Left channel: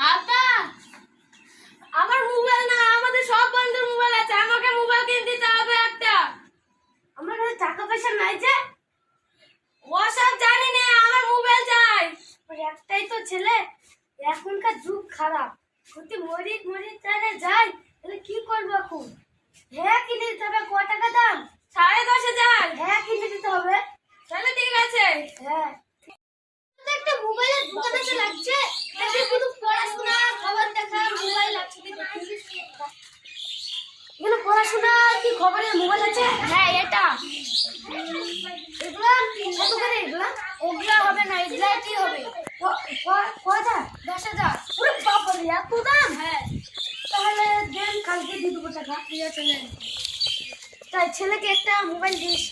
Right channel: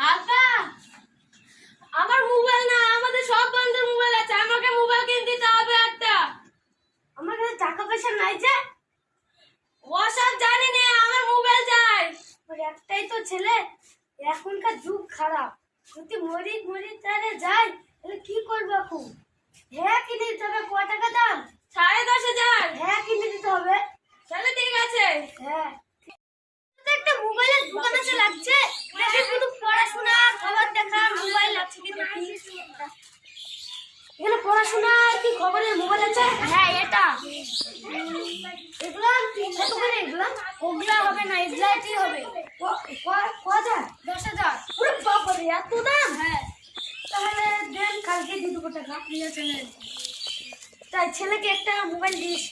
আব্বা আমার মোবাইল না আমাদের সব বন্ধুর মোবাইল আছে আমাকে মোবাইল কিনে দিতে হবে একটা। আমার কাছে টাকা পয়সা নাই যে। ওসব জানি না আমার মোবাইল চাই। একটাই তো ছেলে এখনকার যুগ খারাপ। যদি মরি মরি তাহলে যাই তাহলে কি করব এখন? হ্যাঁ কিনে দিতে হবে ক টাকা দাম? সাড়ে দশ হাজার। হ্যাঁ কিনে দিতে হবে। তাহলে ঠিক আছে। হ্যাঁ। একটা মোবাইলের দোকান আছে লাগছে দেখি শুধু পড়াশোনা, খবর দেখা মোবাইল আছে এগুলো পড়াশোনা কি খবরের মোবাইল আছে? হ্যাঁ এটা। এগুলা কত করে এগুলা? ওগুলা হবে না, এগুলা কি হবে? ক- ক- ক হাজার? দশ হাজার। ওরে বাবারে এত দাম? হ্যাঁ। তাহলে দেন, কালকে দিয়ে দেবো টাকা। ঠিক আছে। তাই ছেলেকে একটা মোবাইল দিস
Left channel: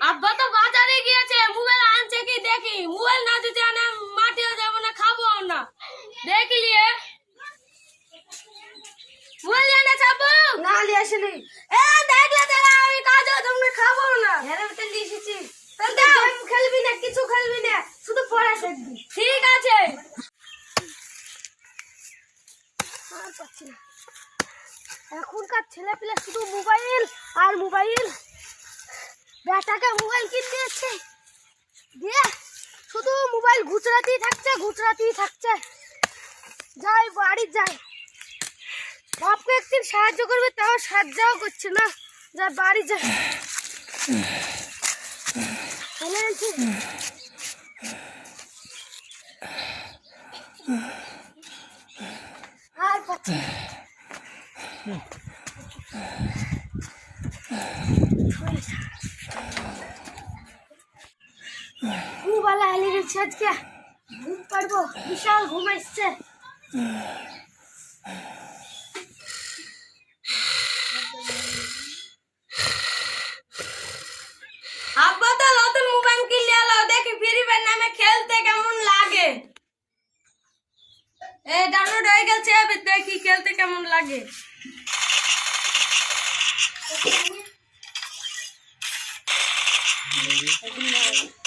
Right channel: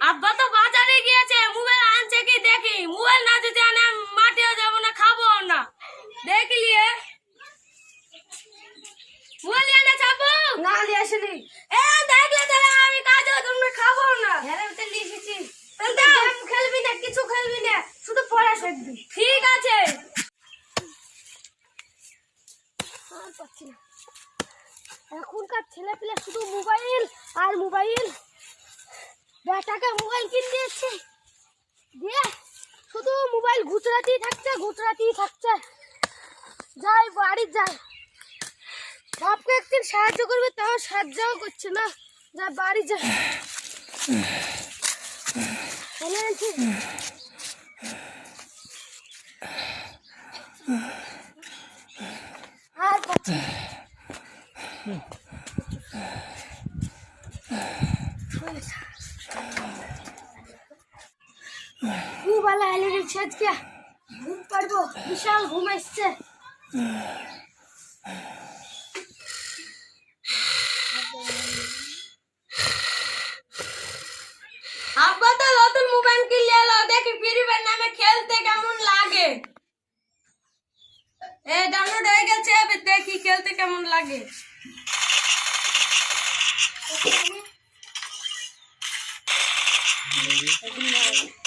আব্বা তো বাজারে গিয়েছে মোবাইল আনছে কি দেখি মোবাইল না যদি আনে মাটিও যাব না খাব না দেখলিয়ে মোবাইল এনে চাপো আসেনি। এ দেখলে দেখলে আমি কাজ তুমি খাব না। হ্যাঁ তো তাহলে গেম খেলবি না কিছু খেলবি না শুধু পড়া শিখবি ঠিক আছে। আর পাচ্ছি না। এখনকার ছেলে পেলে শুধু মোবাইল আর মোবাইল। বেটাকে মোবাইল কিনে দিয়েছে। দিয়ে শুধু মোবাইল গুজরাতেই থাকছে গুজরাতেই থাকছে। যাই বাড়ি যাই। বাপকে একদিন সাহায্য করবে, তাও সাহায্যও করছে না যা বাড়ি গেছি। আর পাচ্ছি না। শুয়েছে। ঘুমবালা গেছে আজকে ঘুম পারব বিশাল ঘুম আসছে আব্বা তো নতুন মোবাইল কিনলে এলো দেখি ফ্রি ফায়ার নামে খেলতে কেমন লাগে এ ডাউনলোড হয়ে গেছে এবার দেখি খেলতে কেমন লাগে? এই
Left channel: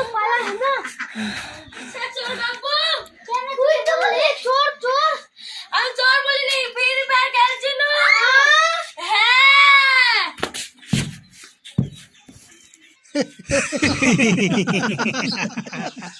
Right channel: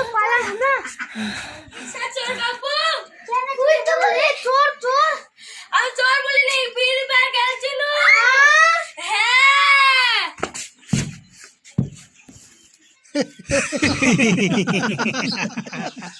तो पाला है ना। चोर बाबू कोई तो बोले? चोर चोर अब चोर बोले नहीं फिर पैर कर चुनो। है।